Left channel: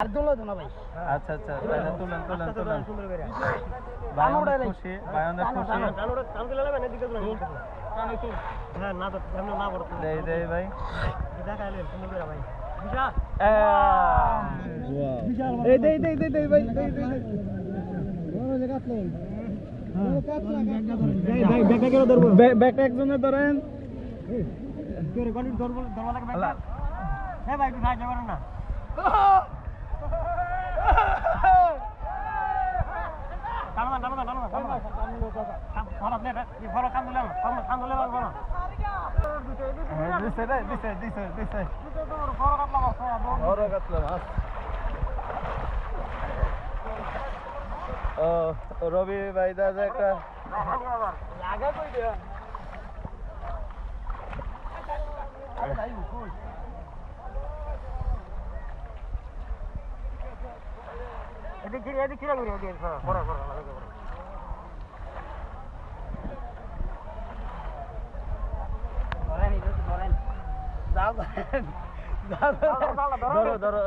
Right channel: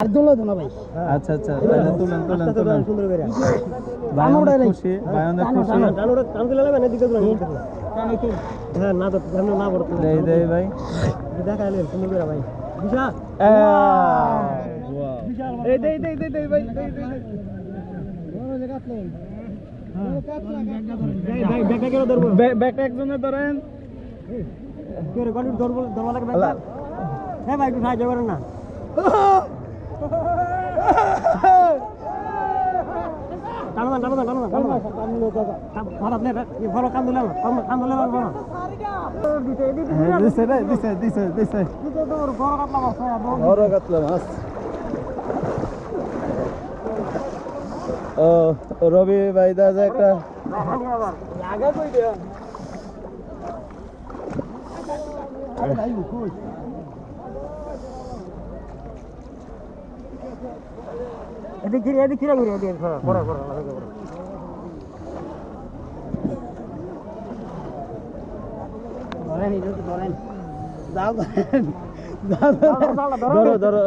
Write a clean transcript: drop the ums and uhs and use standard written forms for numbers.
আচ্ছা আচ্ছা তাহলে তুলেন তুলেন তুলেন সুন্দর করে ভাই অনেক খুশি ভাই অনেক খুশি কান দিলে লাগবে না দিকে হ্যাঁ না তো সামনে না পড়তো দেই দেই ভাই দেখাইলেন সুন্দর করে ভাই বিশাল ওয়াও এই দেই দেই দেই দেই ভাই দেই দেই বড় জায়গা আপনি ভাই ব্যাগটা কেন ধরবো ব্যাগটা একজনে ধরেন তোর গড়ি ধরবো ধরবা লাগবে হ্যাঁ ভাই একটু সাহায্য করেন না টানো টানো টানো টানো ভাড়া প্লেট ভালো কাম দিলাম কাম দিলাম বড় দিছে রে দিছে দিছে দিছে তোর বড় কাটলা মাছ বড় কাতলা মাছ ও রবি ভাই দাদা একটা আগে কই দে এদিকে এদিকে ঘুরে এদিকে বড় বড় ধরো ধরো